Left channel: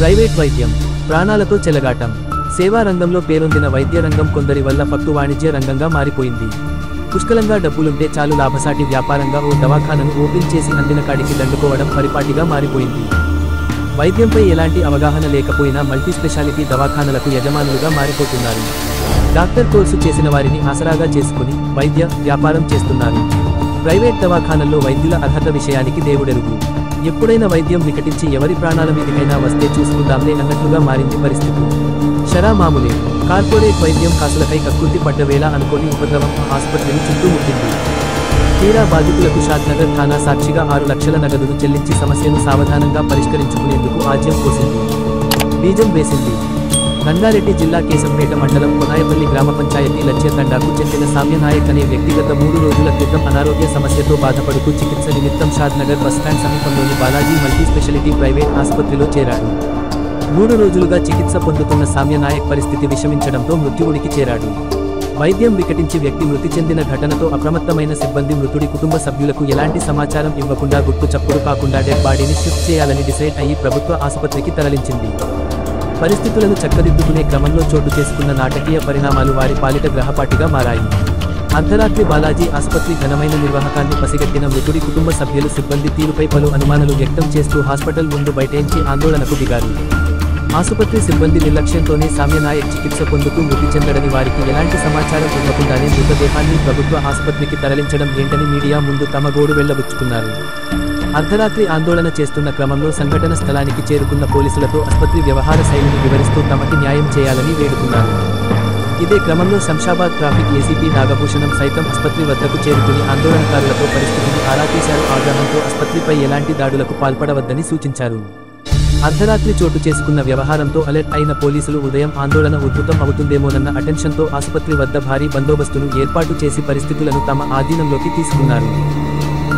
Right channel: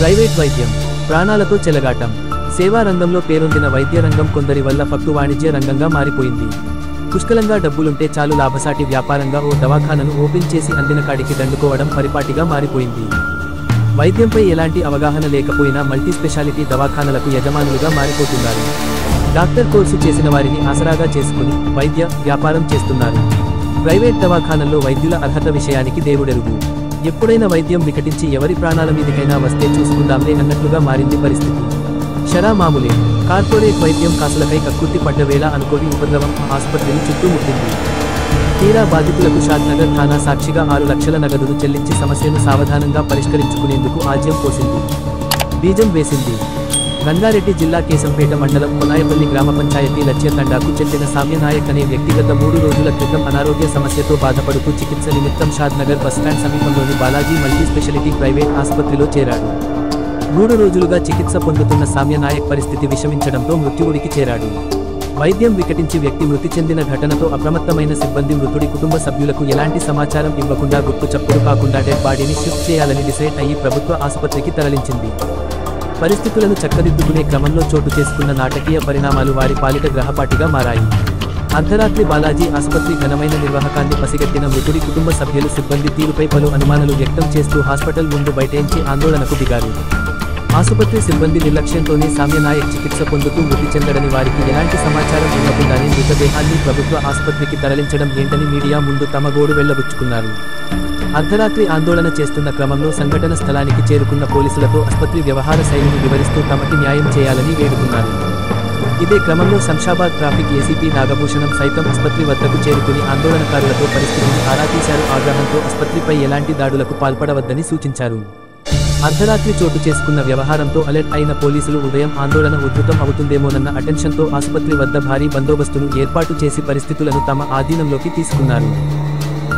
Private వైద్యం ప్రాణాలతో చెలగాటం. సేవా రంగంలో పేరొందిన వైద్య రంగం కొందరి వల్ల ఫక్తు వాణిజ్య రంగంగా మారిపోయింది. పుష్కలంగా డబ్బులుంటే చాలు లాభసాటి వ్యాపారంగా ఓ దవాఖానను ఓపెన్ చేసి అందిన కాడికి దండుకోవడం పరిపాటిగా మారిపోయింది. వైద్యంపై ఎలాంటి అవగాహన లేకపోయినా మల్టీ స్పెషాలిటీ దవాఖానలకు యజమానులుగా మారిపోతున్నారు. డాక్టర్ కోర్సు చేసిన వారిని ఆసరాగా చేసుకుని వైద్య వ్యాపారం చేస్తున్నారు. ప్రైవేట్ దవాఖానల్లో వైద్యుల అర్హత విషయానికి దేవుడెరుగు. ఎప్పుడైనా వైద్యం వికటించి ఎవరి ప్రాణాల మీదకైనా వస్తే చూసుకుందాంలే అన్నట్లుగా మారింది పరిస్థితి. షరా మామూలే. కార్పొరేట్ వైద్యం కాసులకై కక్కుర్తి పడ్డవేళ అనుకోని ఉపద్రవం ఆసుపత్రిని చుట్టుముట్టింది. తీరా బాధితులకు షాద్నగర్ థానా సాక్షిగా 6 లక్షల నగదును చెల్లించి సమస్యను సావధానంగా పరిష్కరించుకునేందుకు ఆజ్యం పోసింది, బీజం వేసింది. రంగారెడ్డి జిల్లా కేశంపేట మండలం కొనాయపల్లి గ్రామ పంచాయతీ లచ్యతండాకు చెందిన సామ్యనాయక్ అనే వ్యక్తిగత 3 రోజుల క్రితం అనారోగ్య సమస్యతో బాధపడుతూ చికిత్స నిమిత్తం షాద్నగర్ బస్టాండ్ సమీపంలోని బాలాజీ మల్టీ స్పెషాలిటీ ప్రైవేట్ ఆసుపత్రిలో చేరాడు. 3 రోజులుగా చికిత్స పొందుతున్న సామ్యనాయక్ పరిస్థితి విషమించడంతో మృత్యువుడికి చేరాడు. వైద్యం వికటించి వ్యక్తి మృతి చెందిన ఘటనతో అప్రమత్తమైన సిబ్బంది మృతుడి కుటుంబ సభ్యులకు ఎలాంటి సమాచారం ఇవ్వకుండా గుట్టు చప్పుడు కాకుండా డెడ్ బాడీని షిఫ్ట్ చేయాలని డిసైడ్ అయ్యి ప్రభుత్వ ఆసుపత్రికి తరలించింది. పరిస్థితులను చక్కదిద్దుకునే క్రమంలో చోటు చేసుకున్న నాటకీయ పరిణామాలు వారి పాలిట గ్రహపాటిగా మారాయి. అర్ధరాత్రి బాలాజీ ఆసుపత్రి ఘనమైన నిర్వాహకాన్ని పసిగట్టిన మృతుడి కుటుంబ సభ్యులు సిబ్బంది తీరుపై పలు అనుమానాలు వ్యక్తం చేస్తూ హాస్పిటల్ ముందు బైఠాయించి ఆందోళనకు దిగారు. ఆసుపత్రి సిబ్బంది నిర్లక్ష్యంతోనే సామ్యనాయక్ చికిత్స పొందుతూ మృతి చెందడని, వారికి ఎలాంటి సమాచారం ఇవ్వకుండానే మృతదేహాన్ని ప్రభుత్వ ఆసుపత్రికి తరలించడం ఏంటని మీడియా ముందు తమ గోడు వెళ్లబుచ్చుకున్నారు. అర్ధరాత్రి ఆందోళన చేస్తున్న క్రమంలో సంఘటన స్థలానికి చేరుకున్న పోలీసులతో ఆసుపత్రి వ్యవహార శైలిని వివరిస్తూ తమకి న్యాయం చేయాలని వేడుకున్నారు. ఇదే క్రమంలో శంషాబాద్ ట్రాఫిక్ ఏసీపీ నాగభూషణం సైతం ఆసుపత్రి వద్దకు చేరుకుని ఆందోళనకారులతో పరిస్థితిని ఆరా తీశారు. ఆగ్రహంతో ఆసుపత్రిపై ఎలాంటి దాడులకు పాల్పడవద్దని సూచించారు. అర్ధరాత్రి చోటు చేసుకున్న వ్యవహారంతో అలర్ట్ అయిన పోలీసులు ఉదయం ఆందోళన ఉధృతం అవుతుందేమోనన్న అటెన్షన్తో ఆసుపత్రి వద్ద భారీ బందోబస్తును ఏర్పాటు చేసి పరిస్థితులను తమ ఆధీనంలోకి తీసుకున్నారు.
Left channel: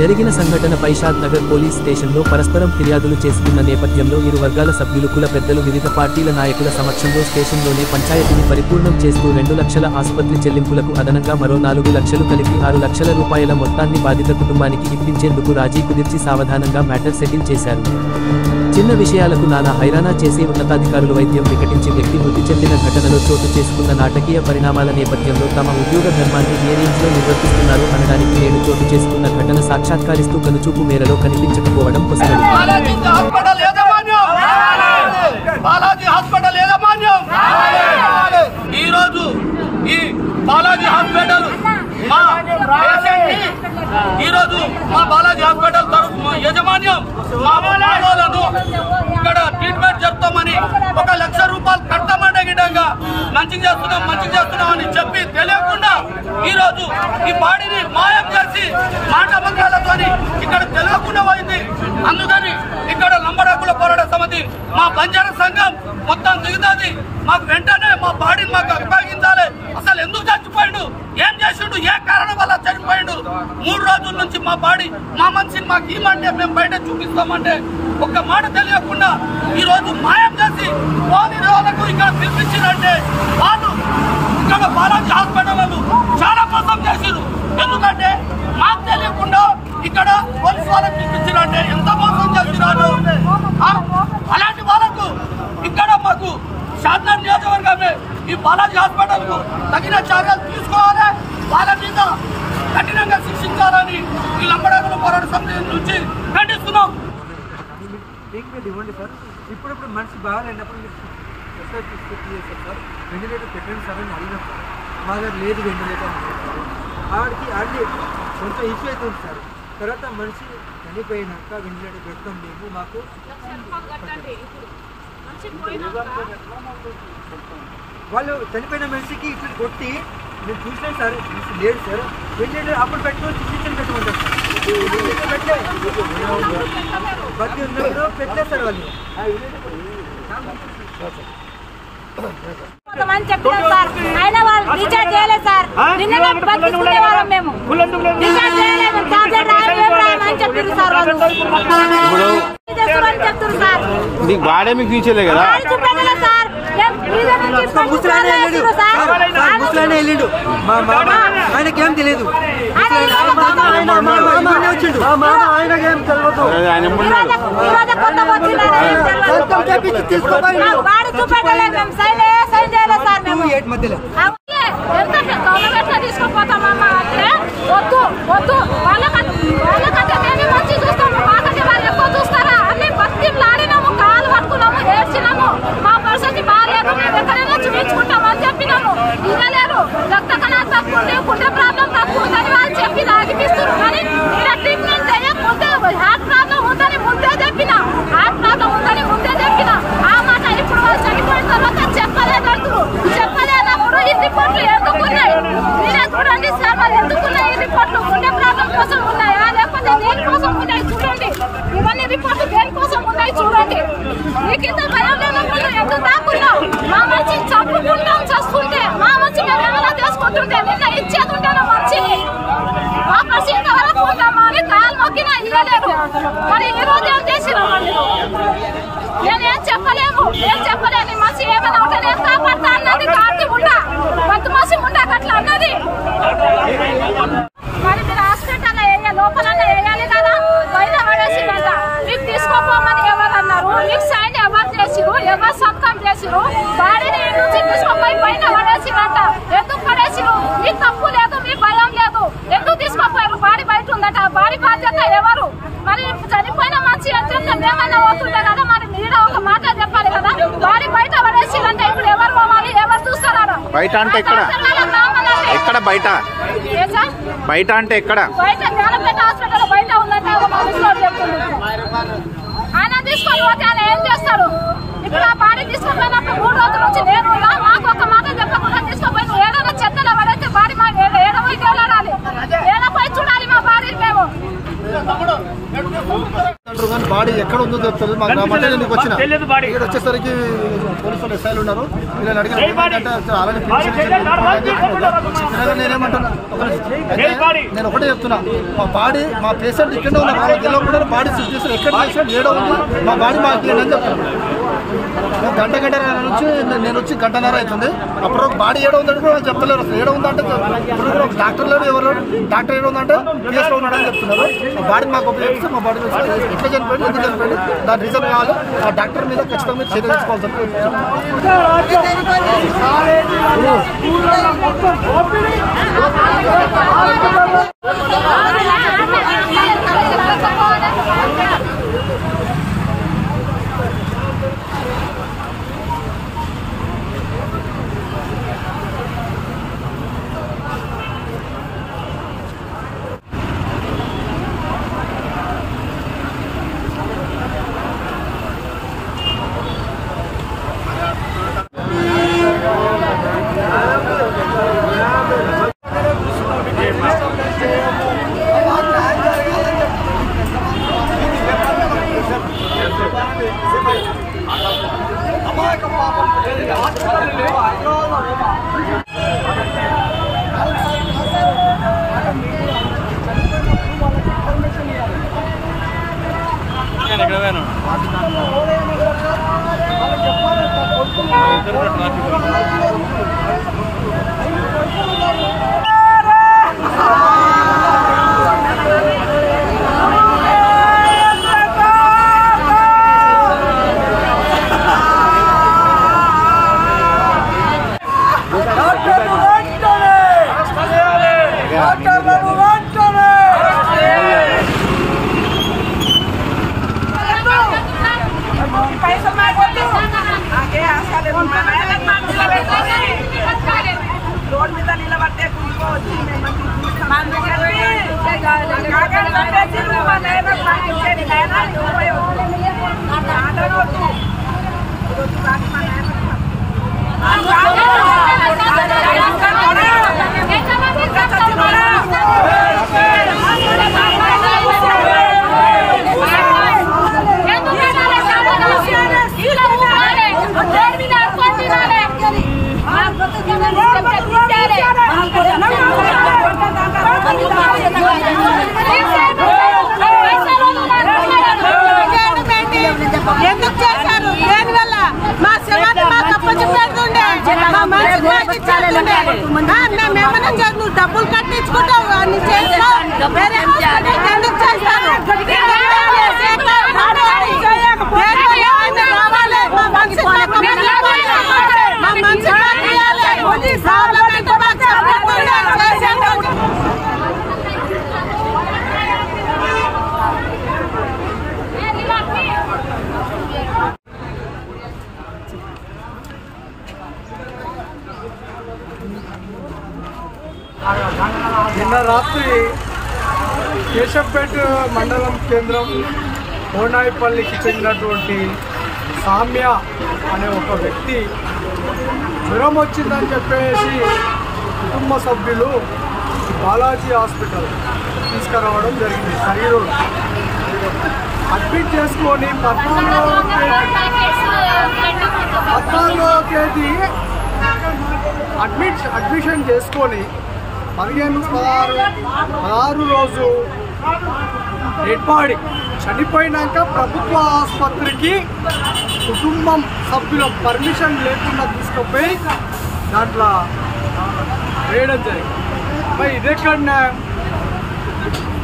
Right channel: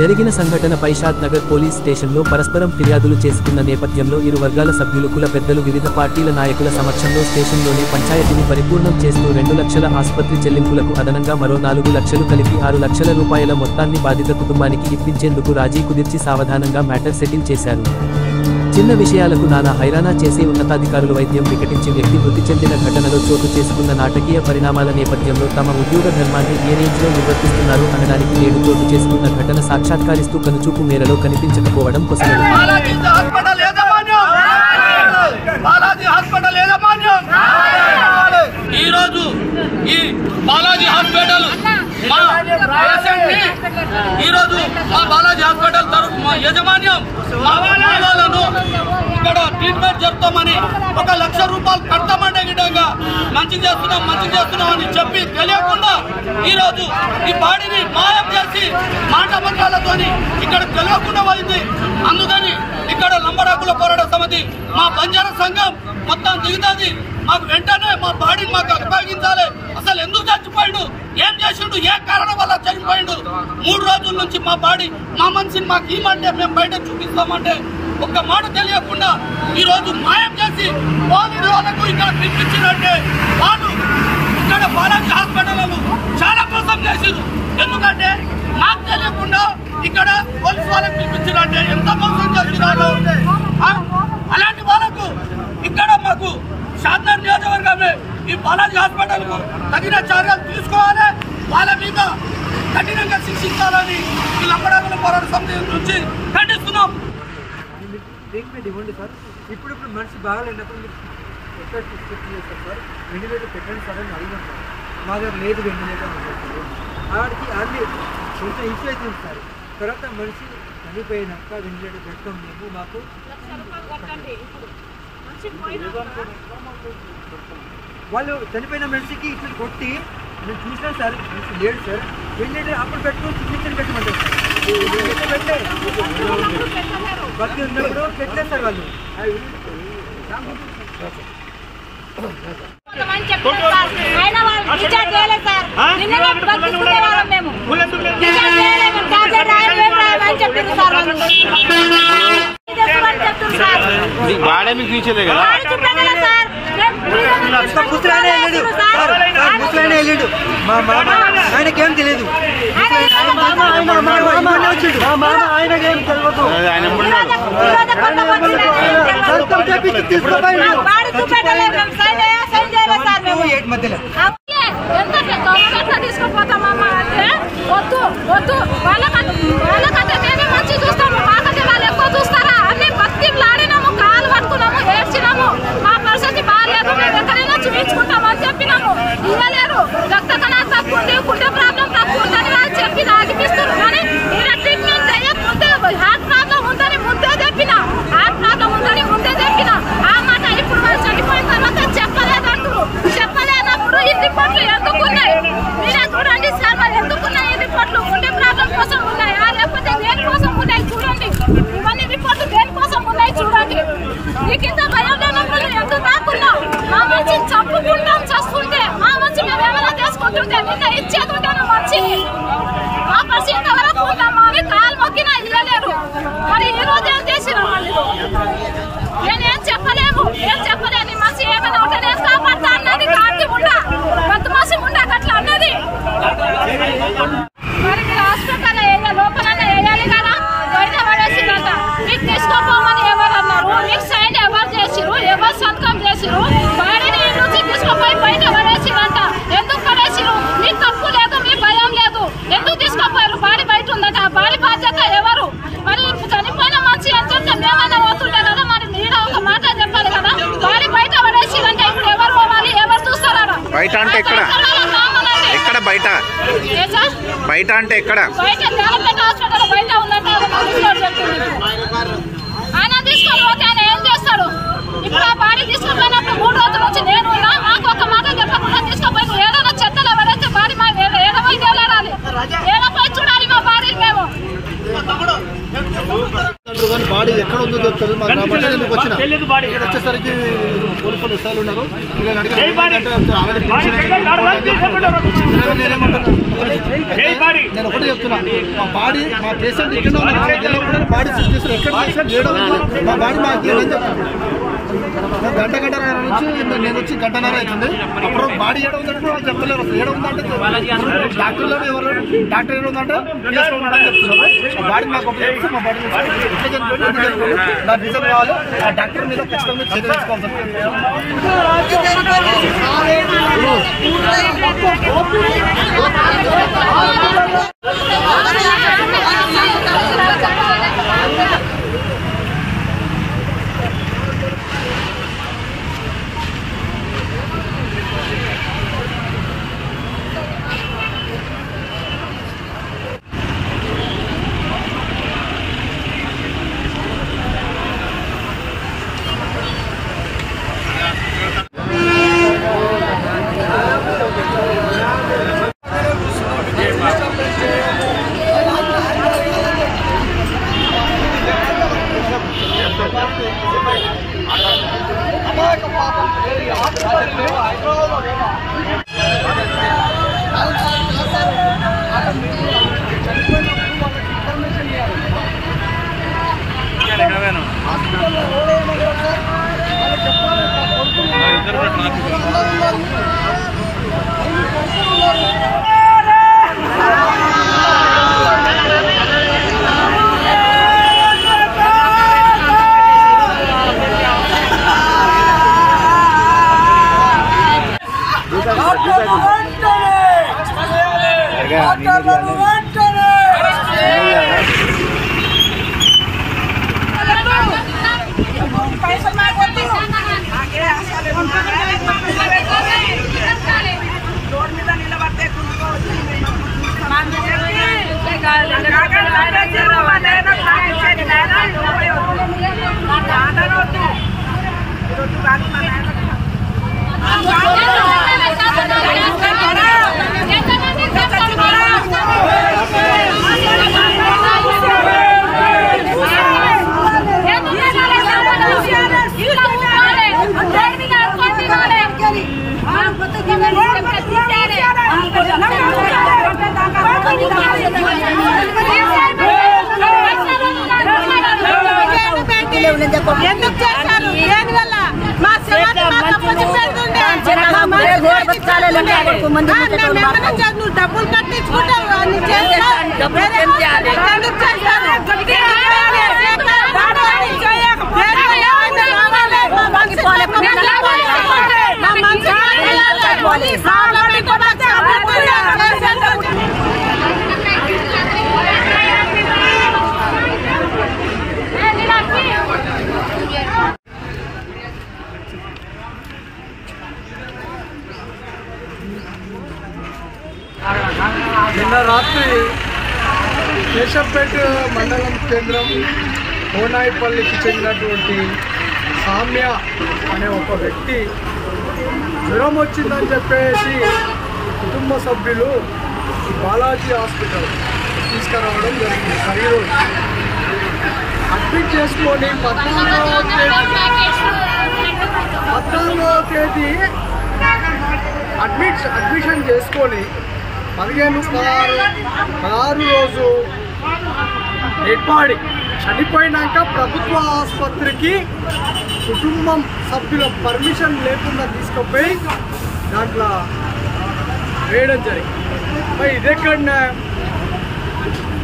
జరిగిన సంఘటనపై షాద్నగర్ పోలీస్ స్టేషన్లో పరస్పరం ఫిర్యాదులు చేసుకున్న నేపథ్యంలో ఇరు వర్గాల సభ్యులు, కుల పెద్దలు, వివిధ పార్టీల నాయకుల సమక్షంలో స్టేషన్లోనే పంచాయతీని పరిపూర్ణం చేస్తూ 2 లక్షల ఆసుపత్రి చెల్లింపులకు అదనంగా మరో 4 లక్షలు కలిపి 6 లక్షల రూపాయల మొత్తాన్ని బాధిత కుటుంబానికి ఇప్పించేందుకు రాజీ కుదిర్చి సావధానంగా మ్యాటర్ సెటిల్ చేశారు. చిన్న విషయాలకు నానా హైరానా చేసే ఉన్నతాధికారులు వైద్యం వికటించి వ్యక్తి మృతి చెందిన ఘటనలో చోటు చేసుకున్న నాటకీయ పరిణామాల నేపథ్యంలో తమ ఉద్యోగ ధర్మాన్ని ఏ రేంజ్లో నిర్వర్తిస్తున్నారు అనడానికి నేడు చోటు చేసుకున్న ఘటన సాక్షాత్కరిస్తూ కనుచూపు మేరలో కనిపించకపోవడం పొసగదు. యజమాన్యం మా వాళ్ళను ఇక్కడ ట్రీట్మెంట్ జరుపుతామని 1 లక్ష రూపాయలు కట్టమంటే గిట్టంగా మంచి చేస్తున్నాం అని చెప్పి తెలియకుండా ఈరోజు ఈ బాడీని మాయం చేసి మాట మంత్రాలతో ఇక్కడ తెలియకుండా పోయింది. అందుకని ఇక్కడ లంబడాకుల పోరాట సమితి మా బంజారా సంఘం మొత్తం దిగుతుంది. మాకు వెంటనే మా బాడీని మాకు అప్పగించాలి. అసలు ఎందుకు చచ్చిపోయాడు, ఏం చేసిండు, ఏ కారణం వల్ల చనిపోయాడు, 3 రోజుల నుంచి మా బాడీ మా మనిషిని మాకు ఇవ్వమంటే మేము బయట చూపిస్తామంటే ఒక్క మాట తెలియకుండా ఈ రోజు మాయం చేసి పోలీసు వాళ్ళకు ఇక్కడ పిలిపించారంటే వాళ్ళు ఇక్కడ బాలాజీ హాస్పిటల్ చాలా మోసం చేసిరు. ఎందుకంటే మాకు తెలియకుండా ఇక్కడ పోలీసు వాళ్ళకి పిలిపించారంటే ఎంత మోసం చేసినారు. అలాంటి వాళ్ళకు ఇక్కడ మాకు షాద్నగర్ నియోజకవర్గమే ఈ బాలాజీ హాస్పిటల్ కు తగిన చర్యలు తీసుకోవాలి, వాళ్ళ మీద కఠినంగా శిక్షించాలని ఈ లంబడాకుల పోరాట సమితి నుంచి ఖండిస్తున్నాం. ఇప్పుడు మనిషి బాగాలేనప్పుడు మీరు ఎక్కడ తీసుకొచ్చి సార్ వెంటిలేటర్ పెట్టండి సార్ అని అడిగినాం సార్. మా దగ్గర లేదు వెంటిలేటర్ అని చెప్పారు. ఆడికి అన్ని కొంచెం ఇష్యూ అవుతుంది సార్. తర్వాత మనిషి చనిపోయినాక వెంటిలేటర్ పెడతాం మేము, మాకు వాళ్ళు చనిపోయిన మనిషికి ఇట్లా కొట్టి నేను చూసినాను సార్, మనిషి లేడు సార్. వెంటిలేటర్ అప్పుడు పెట్టుకొని చిన్న పెట్టమంటారు సార్. బతికి ఉన్నప్పుడు పెట్టలేదు సార్ వాళ్ళు. బాడే మీకు తీసేదే కదా. ముసలాయన వెళ్ళిండు మా మామ ఆయనకేం తెలియదు ఆయనకేం తెలియదు తీసుకుపోతామమ్మా అంటే వద్దు వద్దు వాళ్ళకంటే మేమే మంచి చూస్తాము మాకంటే వాళ్ళు ఎక్కువ చూస్తారా అన్ని బతిలాడినాము కాలు పట్టుకున్నాము ఏడ్చినాము మా పరిస్థితి బాగాలేదు మేము ఎక్కడైనా చూపించుకుంటాము అని చెప్పినాము ఇవ్వలేరు రక్త కణాలు తక్కువ ఉంది గుండె ప్రాబ్లం తక్కువ ఉందని వాళ్ళు చెప్పి ఆగిపిస్తారు కానీ ఇలా ట్రీట్మెంట్ చేయకపోతే హార్ట్ ప్రాబ్లం ఉందని ముందే చెప్పిన హార్ట్ ప్రాబ్లం ఉందని ముందే చెప్పిన ఆ మాట ఇప్పుడు వాళ్ళు చనిపోయిన తర్వాత చెప్పలేదంటారు చెప్పలేనప్పుడు ఈ రిపోర్ట్లు ఎందుకున్నాయి మీరే చూడండి సార్ మరి ఎందుకున్నాయి ఈ రిపోర్ట్లు గుండె ప్రాబ్లం కోసం ఉన్నాయా లేకపోతే దేనికోసం ఉన్నాయి చూడండి ఇవన్నీ రిపోర్ట్లు దేనికోసం ఉన్నాయి చూడండి నీకింత భయం లేనప్పుడు ఎందుకు దాక్కున్నావు మా మంచి చంపుకుంటాం చస్తుంటే మా మంచి మేము ఏమైనా చేసుకుంటుంటే నిన్న ఇచ్చేదుంటాను మంచిని మా పరిస్థితి ఇంతవరకు ఉందామా అని కాలు మొక్కినా ఇవ్వలేరు మరి ఈ రోజు ఏం చేసినా మళ్ళీ నేనేం చెప్పలేము ఏం చెప్పలేని మనిషి ఏమైనా ఉంటే నేను కాపాడుతా అన్నది కార్తీ ఉండా పద్దు మనిషి ఉండా అట్లా అన్నది మరి మీరు హాస్పిటల్ లోపలనే వేయాలి కదా బయట పడేసిందంట మీకు తీసుకోపోమని ఎవరు అన్నారు మీకు సైన్ ఎవరు చేసిరు ఎవరు సంతకం చేసిరు బాడీని నుంచి తీసుకోపోయి బయట పడేసిరంట ఎందుకు పడేసిరు మీకు తప్పు లేదు మీ భయం లేదు ఎందుకు తీసుకోపోయారు బాడీ బయట ఉందట బాడీ బాధ్యత ఎవరు మరి చనిపోయిన మనిషి అని చెప్తే మేమన్నా పోతుంటే కదా మరి మీరు ఒక మాట చెప్పాలి కదా బాడీ బయట పడేసిరంటే ఇప్పుడు ఎవరు పోవాలి ఎవరు చూస్తారా బయట అంటే ఎక్కడ బయట బయట అంటే ఎక్కడ బయట జాలపేట హాస్పిటల్ బయట ఉందంటే ఆయన తీసుకొని పోతే ఆయన ఏం చేస్తాడు ఇప్పుడు ఆ బాడీ తీసుకుపోయినప్పుడు 3 రోజుల నుంచి నేను మాకు ఒక మాట చెప్పకుండా తీసుకుపోయి నువ్వు ఏదైనా చెత్తలో పడైతే బాడీ మా ఏడపోయి తేలాడాలి ఏడపోయి చూడాలి మా బాడీ మేము బాడీ ఎక్కడ ఉందో చెప్తుంది మా గ్రామానికి వచ్చిన వచ్చేసరికి పోలీసులు ఎస్ఐలు ఉన్నారు ఇలా అడిగిన నేనేమంటున్నా నేను ఒకటే చెప్తున్నా మా బాడీ మా పేషెంట్ ఇక్కడ ఉన్నారు కూడా బాడీ చేస్తారు ఎక్కడ చేసాను ఏడో ఉంది మా బాడీ మాకు అని చెప్తాను గంట నుంచి నేను వచ్చి గంటన్నర అవుతుంది అప్పుడు బాడీ ఏడో ఉందంటే కూడా చెప్పలేరు అసలు ఏడో ఉందంటే డాక్టర్లు ఎవరు డాక్టర్ ఏడో ఉందంటే పిఎస్లో ఉన్నాడని చెప్తున్నారు బాడీ మాకు ఉపయోగిస్తే మా బాడీ ఎట్లా చనిపోయింది ఎందుకు చనిపోయింది దాని రీజన్ కావాలి ఆ డాక్టర్ మీద ఖచ్చితంగా చర్య రోడ్ మీద నిలబడితే కుంటుకోవచ్చు ఎందుకు చేశారు? దేనివల్ల మా శవాన్ని మాకు మంచి పెడుతుండే మేమేమన్నా నువ్వు డబ్బులు కట్టించుకుంటావు అన్ని చేస్తావు వేరే హాస్పిటల్ ఎందుకు చేస్తావు మా మనిషి నిన్న రాత్రి కేశంపేట మండలం కేంద్రం కోనాయిపల్లికి చెందినటువంటి సామ్య అనే ఒక వ్యక్తి జ్వరం వచ్చిందని చెప్పేసి కుటుంబ సభ్యులు బాలాజీ హాస్పిటల్ తీసుకురావడం జరిగింది. శరీరం అడ్మిట్ చేసుకొని 14వ తేదీ అడ్మిషన్ చేసుకొని 16 రోజు డెడ్ బాడీ చనిపోయినాక ప్రభుత్వ ఆసుపత్రికి కుటుంబం సభ్యుల పర్మిషన్ లేకుండా తీసుకుపోయి దాంట్లో వేయడం జరిగింది. మరి ఇదెక్కడన్నా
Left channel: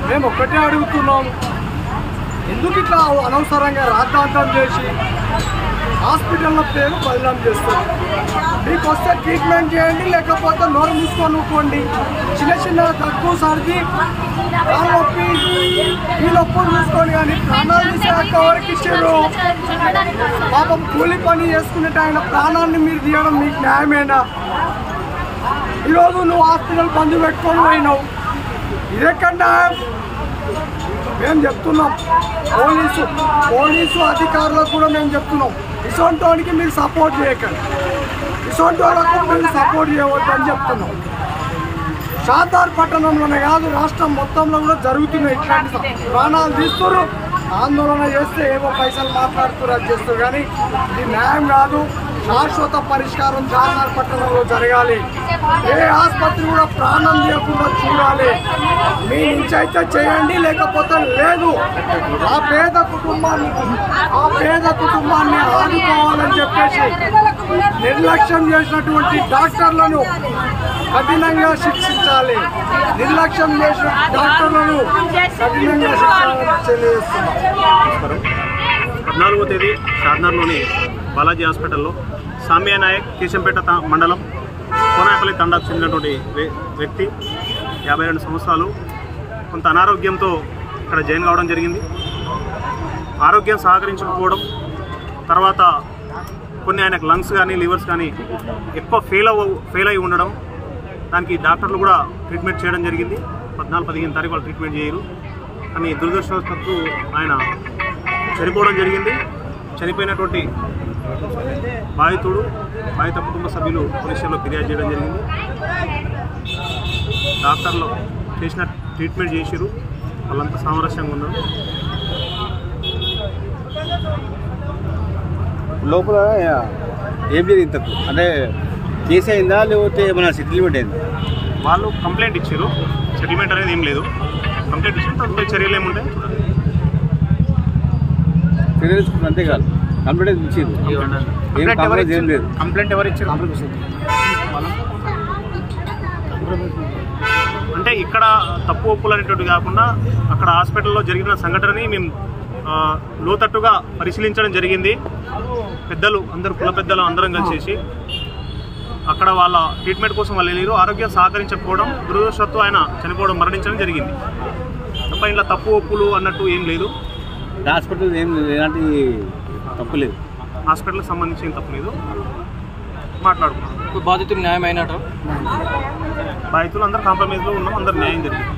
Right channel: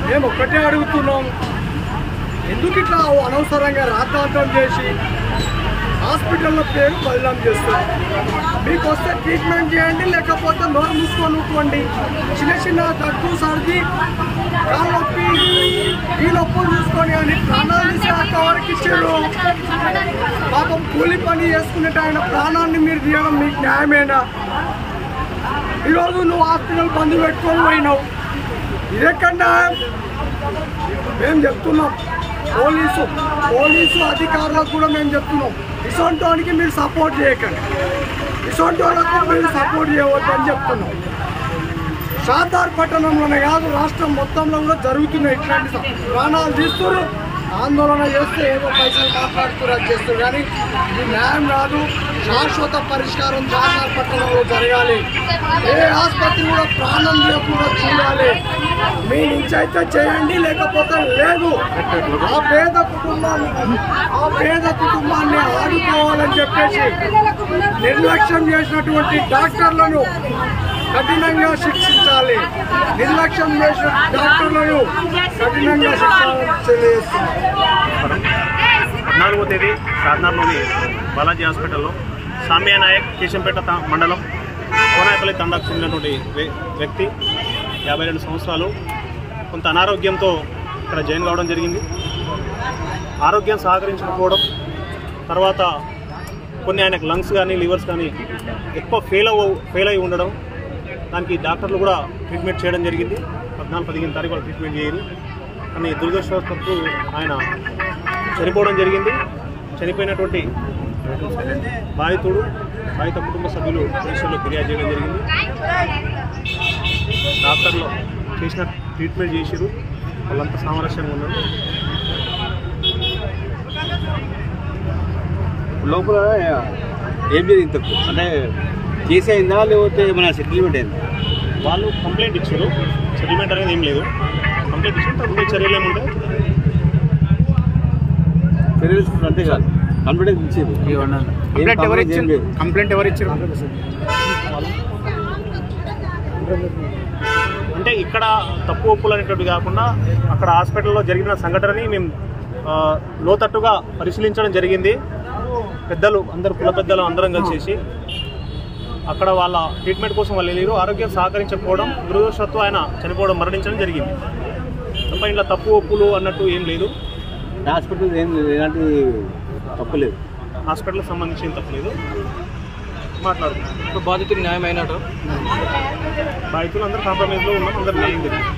మేము ఒక్కటే అడుగుతున్నాం, ఎందుకు ఇట్లా అనవసరంగా రాద్ధాంతం చేసి హాస్పిటల్లో పేరు బదనాం చేస్తారు? మీకు వస్తే ట్రీట్మెంట్ చేయండి, లేకపోతే నోరు మూసుకొని ఊకోండి. చిన్న చిన్న దగ్గు సర్ది కాలు నొప్పి ఈ నొప్పులు చూసుకొని కానీ ప్రాణాలు తీసేక వరకు ఇచ్చారు. పాపం కూలి పని చేసుకునేట ఆయన ప్రాణాన్ని మీరు తీయడం మీకు న్యాయమేనా? ఈరోజు నువ్వు హాస్పిటల్ బంద్ పెట్టుకొని పోయినావు, ఇదెక్కడా? మేము చెప్తున్నాం పోలీసు అధికారులకు కూడా మేము చెప్తున్నాం, ఇసొంటోనికి మీరు సపోర్ట్ చేయకండి, ఇసొంటోళ్ళకు మీరు సపోర్ట్ చేయవద్దని చెప్తున్నాం. షాదార్ పట్టణంలోనే కాదు రాష్ట్రం మొత్తంలో కూడా జరుగుతున్నాయి ఇట్లాంటి ప్రాణాలు తీస్తున్నారు. ఆందోళన చేస్తే ఏవో పైసలు మాట్లాడుతున్నారు, అది చేస్తారు, కానీ ఇది న్యాయం కాదు. శాశ్వత పరిష్కారం షాదార్ పట్టణంలో జరగాలి. ఏ ఆసుపత్రి కూడా ప్రాణం తీయకుండా చూడాలి. మీ నుంచి అయితే చేయండి, లేకపోతే లేదు. ఆ పేద కుటుంబాన్ని ఆదుకోవాలని చెప్పేసి నిర్లక్ష్యం చేసినటువంటి డాక్టర్లను కఠినంగా శిక్షించాలి. నిర్లక్ష్యం చేసిన డాక్టర్లను కఠినంగా శిక్షించాలని తెలియజేస్తున్నాం. 14వ తేదీ షాద్నగర్లోని బాలాజీ హాస్పిటల్లో సామ్య నాయక్ కేశంపేట మండలం కోనాయపల్లి తండాకు చెందినటువంటి వ్యక్తి 52 సంవత్సరాలు కొంత అనారోగ్యంతో ఇక్కడ జాయిన్ కావడం జరిగింది. ఆరోగ్యం సహకరించకపోవడం, తర్వాత కొన్ని ఆయనకు లంగ్స్ కానీ లివర్స్ కానీ ఎక్కువ ఫెయిల్ అయి ఉండడం, దానికి డాక్టర్లు కూడా ట్రీట్మెంట్ చేయడం జరిగింది. 14-15 తారీఖు వాళ్ళు ట్రీట్మెంట్ చేయరు, కానీ దురదృష్టవశాత్తు ఆయన చనిపోవడం జరిగింది. చనిపోయినటువంటి బాధిత కుటుంబ సభ్యులు పోలీసుల్లో ఫిర్యాదు చేయడం జరిగింది. డాక్టర్లు చేసిన ట్రీట్మెంట్ చేసిరు, వాళ్ళంతా సామరస్యంగా ఉన్నారు. లోపల ఏం జరిగింది? అంటే కేసు అయిందా లేకపోతే ఏమైనా సెటిల్మెంట్ అయిందా? వాళ్ళు కంప్లైంట్ ఇచ్చారు, సెటిల్మెంట్ అనేది ఏం లేదు. కంప్లైంట్ ఇచ్చిన తదుపరి చర్యలు ఏముంటాయి? చర్యలు అంతేకాదు, కంప్లైంట్ ఇచ్చారు. కంప్లైంట్ ఎవరు ఇచ్చారు? అంటే ఇక్కడ తప్పు ఒప్పులు అనేటువంటి కాకుండా అక్కడ హాస్పిటల్లో జరిగిన సంఘటనని మేము లోతట్టుగా పరిశీలించడం జరిగింది. పెద్దలు అందరూ కుల పెద్దలు అందరం కలిసేసి అక్కడ వాళ్ళ ట్రీట్మెంట్ కోసం వాళ్ళు వెళ్ళారు. ఆరోగ్యం సహకరించకపోవడం, దురదృష్టవశాత్తు ఆయన చనిపోవడం, మరణించడం జరిగింది. తప్ప ఇంట్లో తప్పు ఒప్పులు అన్నట్టు ఏం లేదు. హాస్పిటల్ ఏం ఎలాంటి తప్పు లేదు, హాస్పిటల్కి సంబంధించిన తప్పు లేదు. మాట్లాడుకున్నాం. బాధితులు న్యాయం అయినట్టు బాధితులు అందరూ కాంప్రమైజ్లో ఉన్నాం, అందరూ న్యాయం జరిగింది.